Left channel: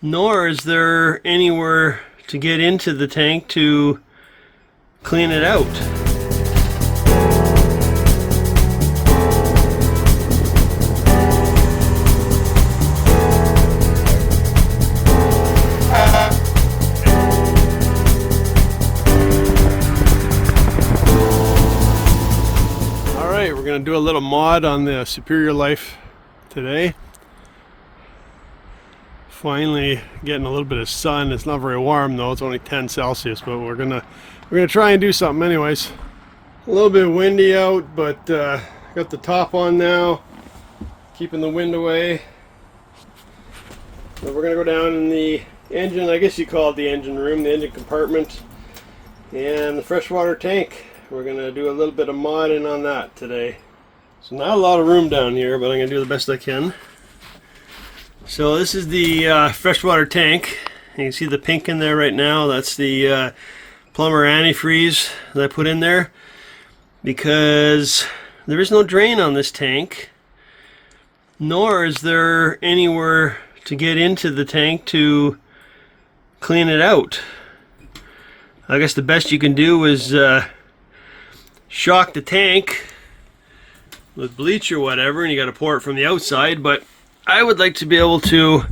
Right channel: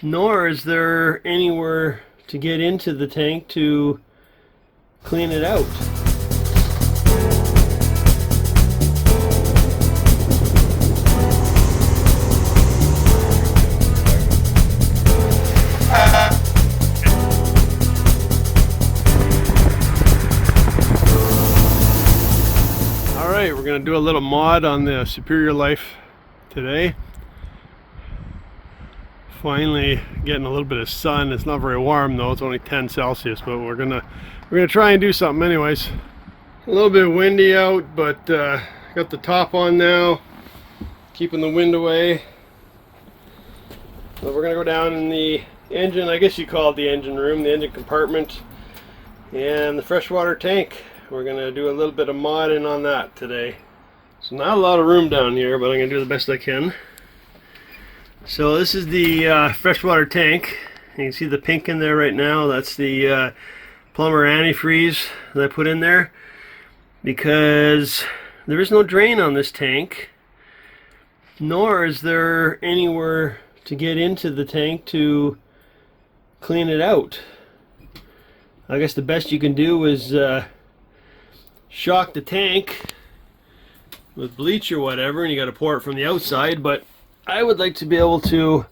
nor is there anywhere to get into the tank to clean it out. Alright, we're going to do a little mod on the Superior Life today. Finally getting a little bit of sun. It's not very warm though, it's only 10 Celsius, but we're gonna try and do something anyways. A little bit windy out, but got the top on now, keeping the wind away. So we're gonna go down in the engine, I guess you call it the engine room, the engine compartment, and the freshwater tank. We're gonna do a little bit of modding on that today. So not a lot of room down here, but I'm gonna do the best I can. So this is the freshwater tank. You can see the pink in there right now. That's the plumber antifreeze that I put in there because there is no drain on this tank, nor is there anywhere to get into the tank to clean it out. I guess the best you can do is shock the tank with bleach or whatever, and you got to pour it from the outside, but I would like to be able to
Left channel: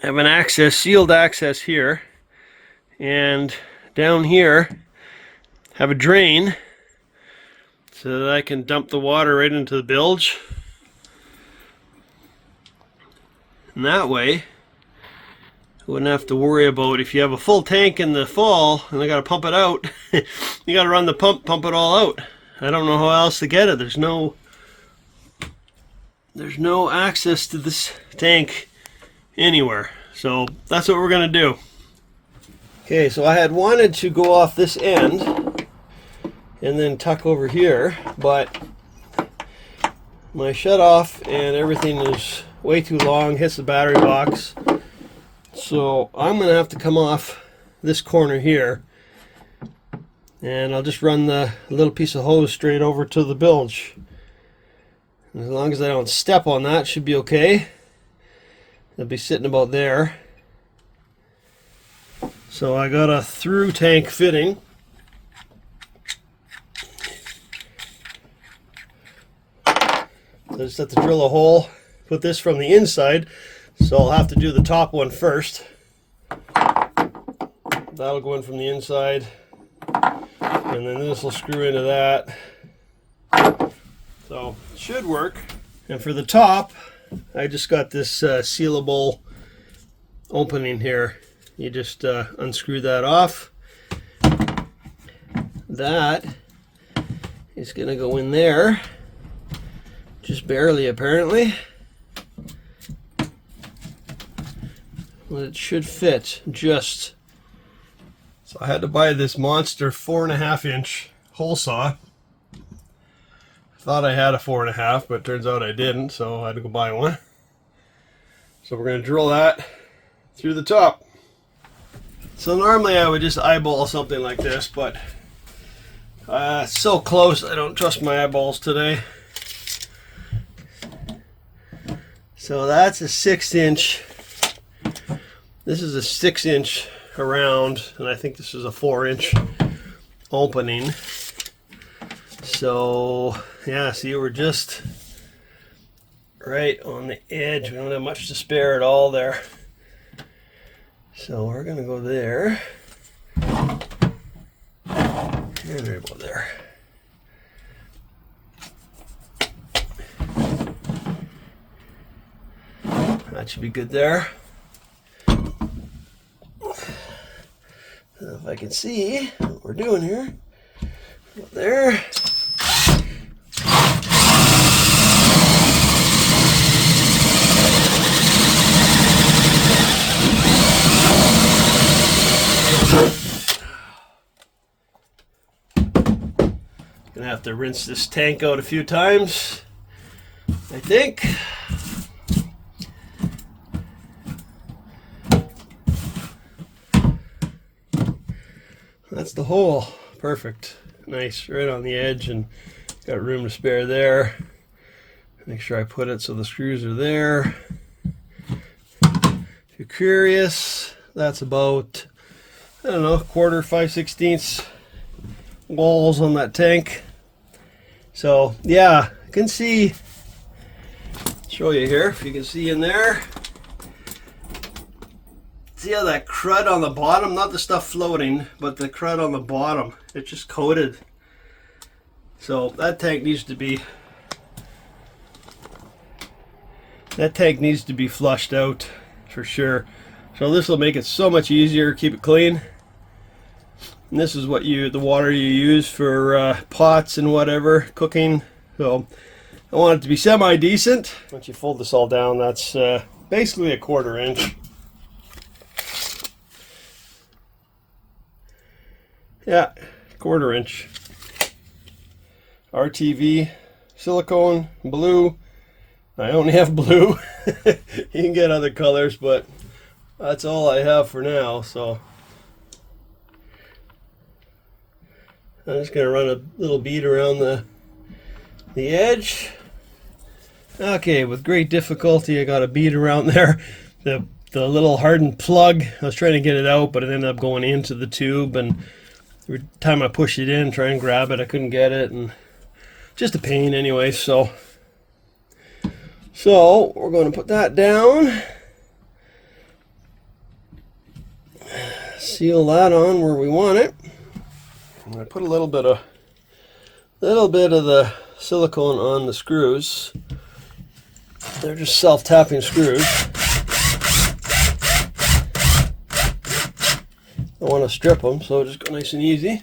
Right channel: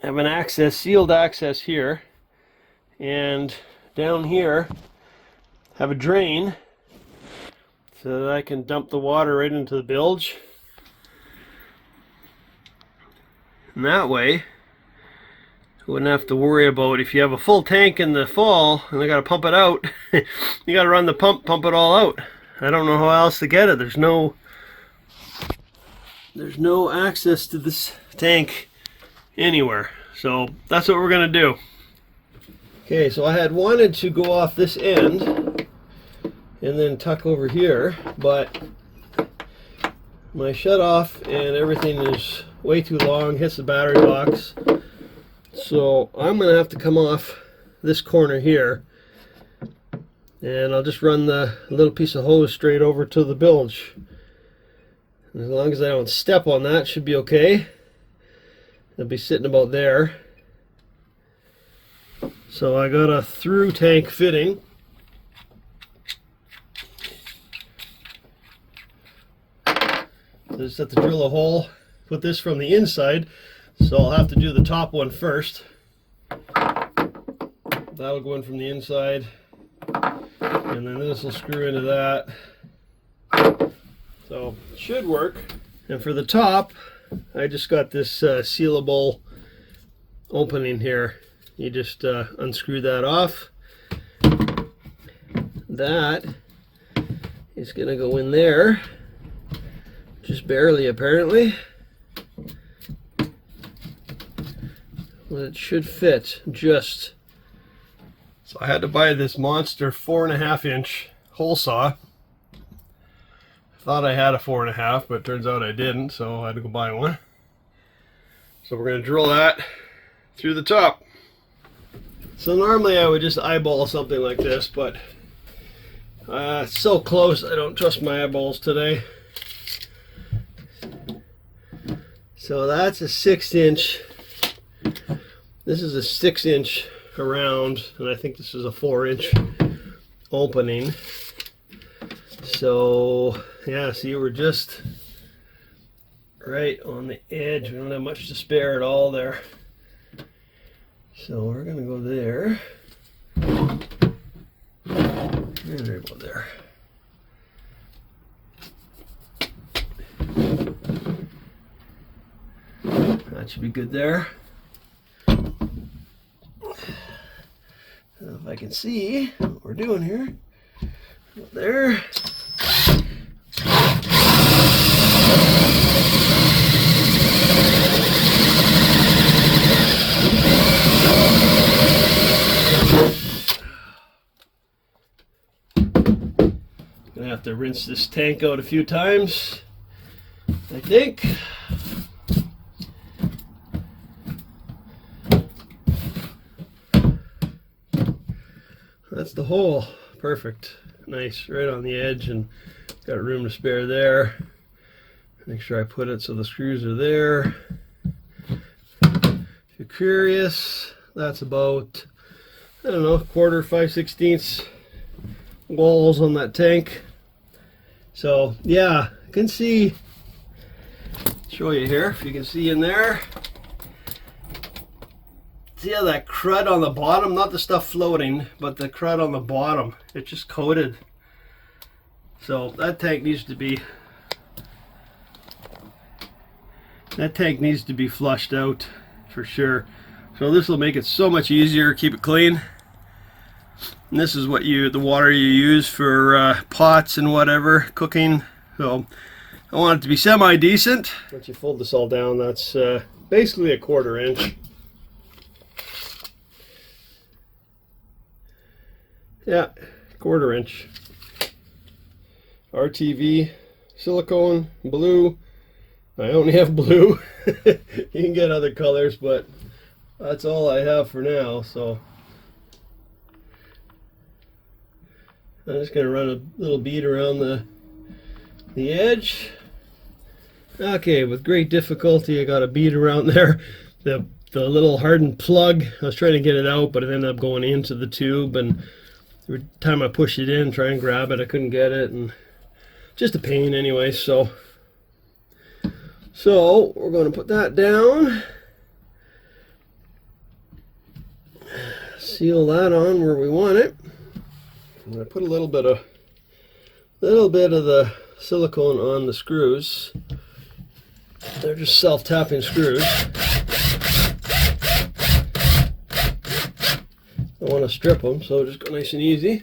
have an access, sealed access here, and down here have a drain so that I can dump the water right into the bilge. And that way I wouldn't have to worry about, if you have a full tank in the fall and I gotta pump it out, you gotta run the pump it all out. I don't know how else to get it. There's no access to this tank anywhere. So that's what we're gonna do. Okay, so I had wanted to go off this end and then tuck over here, but my shut off and everything is way too long, hits the battery box. So I'm gonna have to come off this corner here, and I'll just run the little piece of hose straight over to the bilge. As long as I don't step on that, should be okay. It'll be sitting about there. So I got a through tank fitting. I just have to drill a hole, put this from the inside, so I'll have to do the top one first. That'll go in from the inside, and then this will screw into that. So it should work. And for the top, I just got this sealable opening here. You just unscrew that off. That is going to go in there, just barely apparently. Well, it should fit just. So I had to buy this monster 4.5 inch hole saw. Thought I had a 4.5, but it turns out I didn't, so I had to go buy one. So we're going to drill that through the top. So normally I would just eyeball something like this, but it's so close I don't trust my eyeballs today. So that's a 6 inch. This is a 6 inch around, and I think this is a 4 inch opening. So yeah, see, we're just right on the edge. We don't have much to spare at all there. So we're gonna go there. There we go there. That should be good there. If I can see what we're doing here. Go there. Gonna have to rinse this tank out a few times, I think. That's the hole. Perfect. Nice, right on the edge, and got room to spare there. Make sure I put it so the screws are there. you're curious, that's about, I don't know, quarter, 5/16 walls on that tank. So yeah, I can see, show you here if you can see in there. See how that crud on the bottom, not the stuff floating, but the crud on the bottom, it's just coated. So that tank needs to be flushed out for sure. So this will make it so much easier, keep it clean. And this is what the water you use for pots and whatever, cooking. So I want it to be semi-decent. Once you fold this all down, that's basically a 1/4 inch. Yeah, 1/4 inch. RTV, silicone, blue. I only have blue. You can get other colors, but that's all I have for now. So I'm just going to run a little bead around the edge. Okay, with great difficulty I got a bead around there. The little hardened plug, I was trying to get it out, but it ended up going into the tube, and every time I pushed it in, try and grab it, I couldn't get it, and just a pain anyway. So we're going to put that down, seal that on where we want it. I'm going to put a little bit of the silicone on the screws. They're just self-tapping screws. I want to strip them, so just go nice and easy.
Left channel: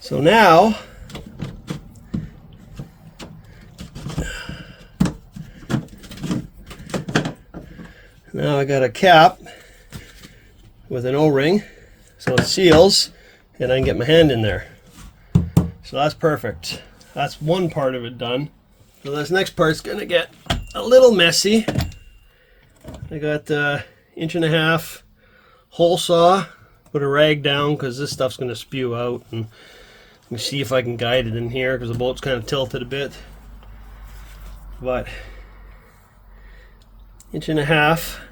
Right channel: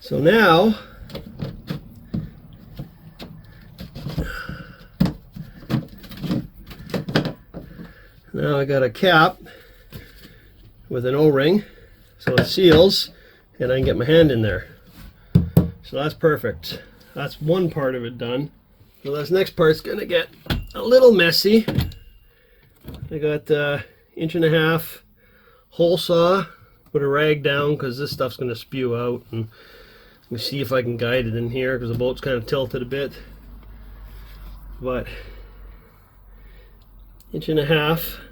So now I got a cap with an O-ring, so it seals, and I can get my hand in there. So that's perfect. That's one part of it done. So this next part's gonna get a little messy. I got 1.5 inch hole saw. Put a rag down because this stuff's gonna spew out, and let me see if I can guide it in here because the boat's kind of tilted a bit. But 1.5 inch.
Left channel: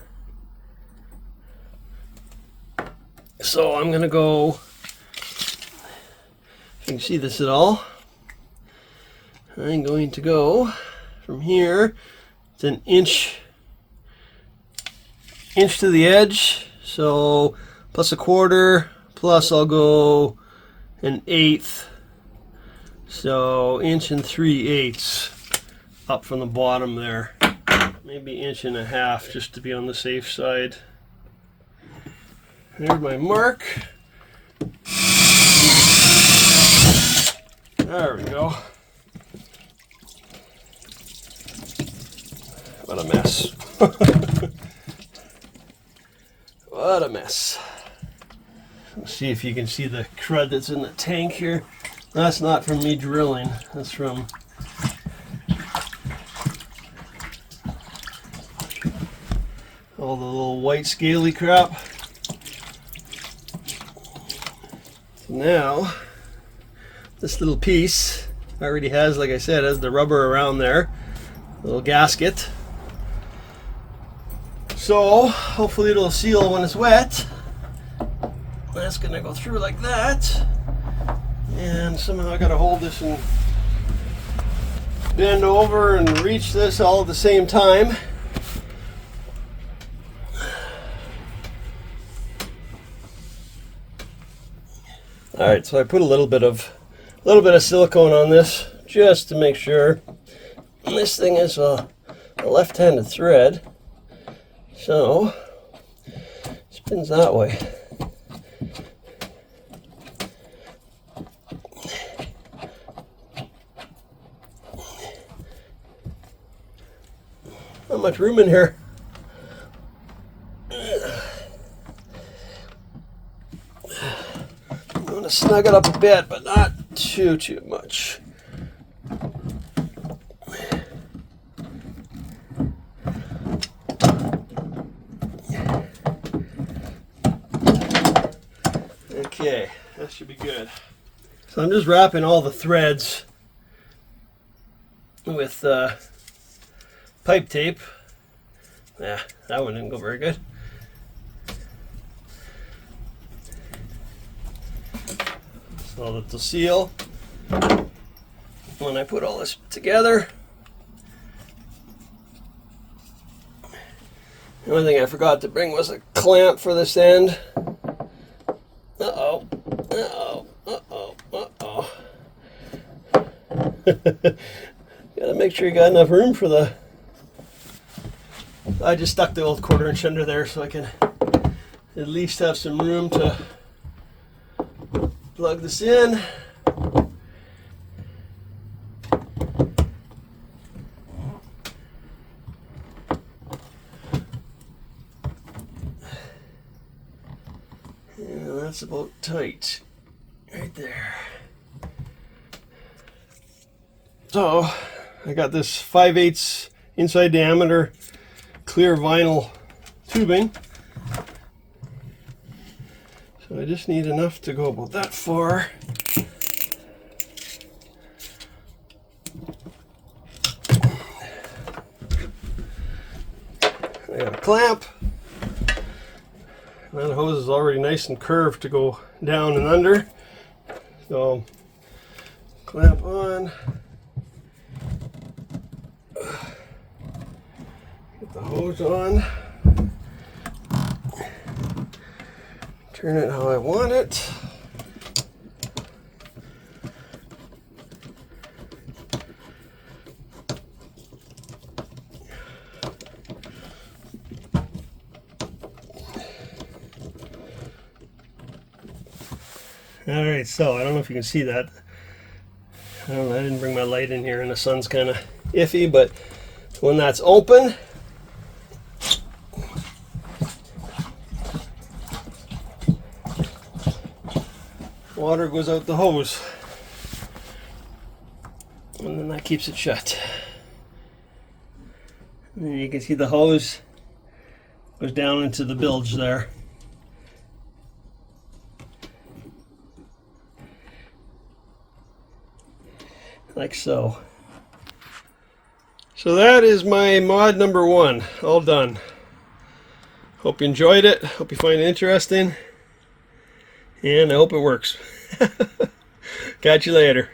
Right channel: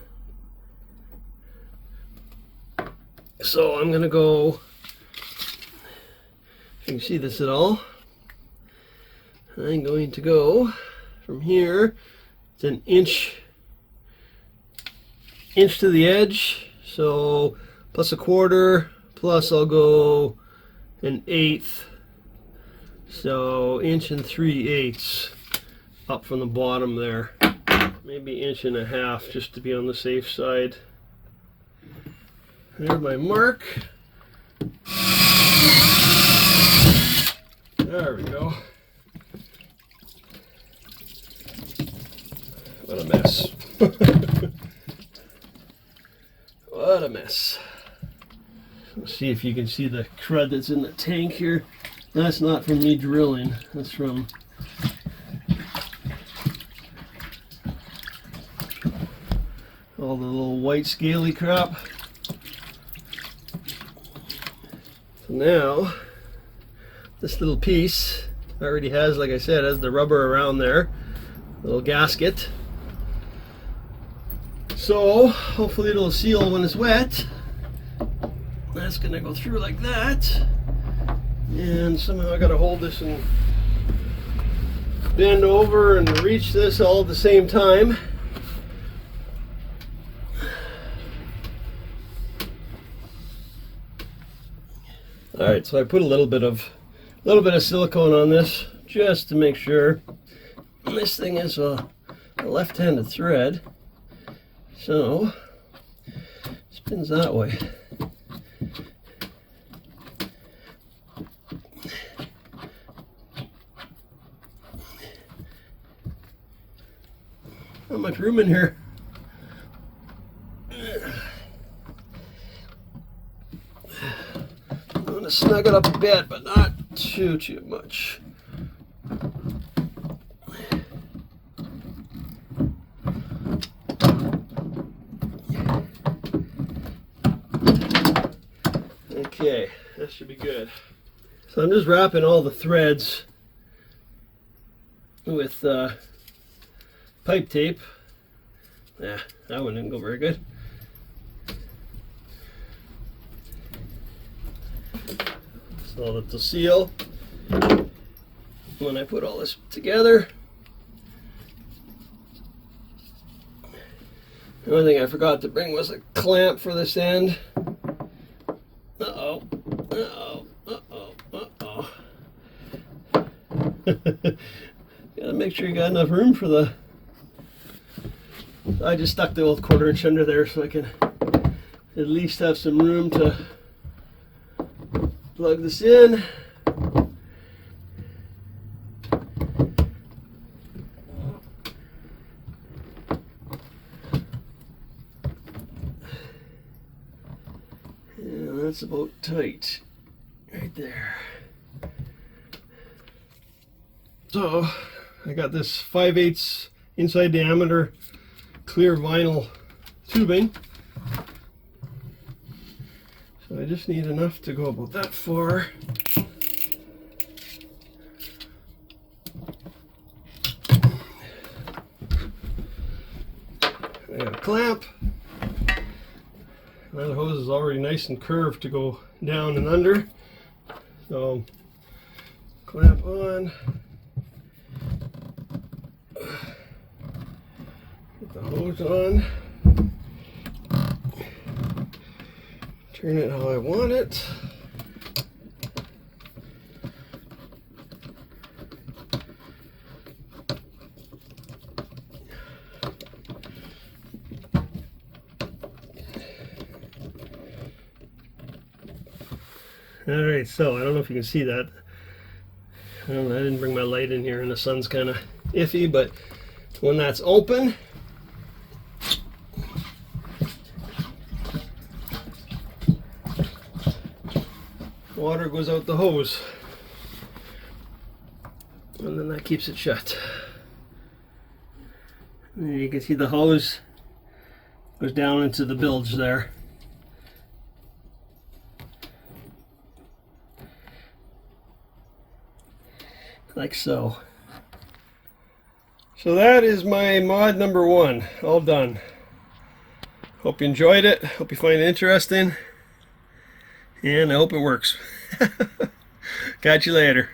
So I'm gonna go, if you can see this at all, I'm going to go from here. It's an inch to the edge, so plus 1/4, plus I'll go 1/8, so 1 3/8 up from the bottom there, maybe 1.5 inches just to be on the safe side. There's my mark. There we go. What a mess. What a mess. Let's see if you can see the crud that's in the tank here. That's not from me drilling. That's from all the little white scaly crap. So now, this little piece already has, like I said, has the rubber around there. Little gasket. So hopefully it'll seal when it's wet. That's gonna go through like that, and somehow I gotta hold this and bend over and reach this all at the same time. All right, so I put a little bit of silicone on this just to make sure. And this thing is a left-handed thread, so it spins that way. Not much room in here. I'm going to snug it up a bit, but not too much. Okay, that should be good. So I'm just wrapping all the threads with pipe tape. Yeah, that one didn't go very good. So that the seal, when I put all this together. The only thing I forgot to bring was a clamp for this end. Uh-oh, uh-oh, uh-oh, uh-oh. Gotta make sure you got enough room for the... I just stuck the old 1/4 inch under there so I can at least have some room to plug this in. And that's about tight right there. So I got this 5/8 inside diameter clear vinyl tubing. So I just need enough to go about that far. I got a clamp. That hose is already nice and curved to go down and under. So clamp on. Get the hose on. Turn it how I want it. Alright, so I don't know if you can see that. I didn't bring my light in here and the sun's kind of iffy, but when that's open, water goes out the hose, and then that keeps it shut. And you can see the hose goes down into the bilge there. Like so. So that is my mod number 1, all done. Hope you enjoyed it, hope you find it interesting, and I hope it works. Catch you later.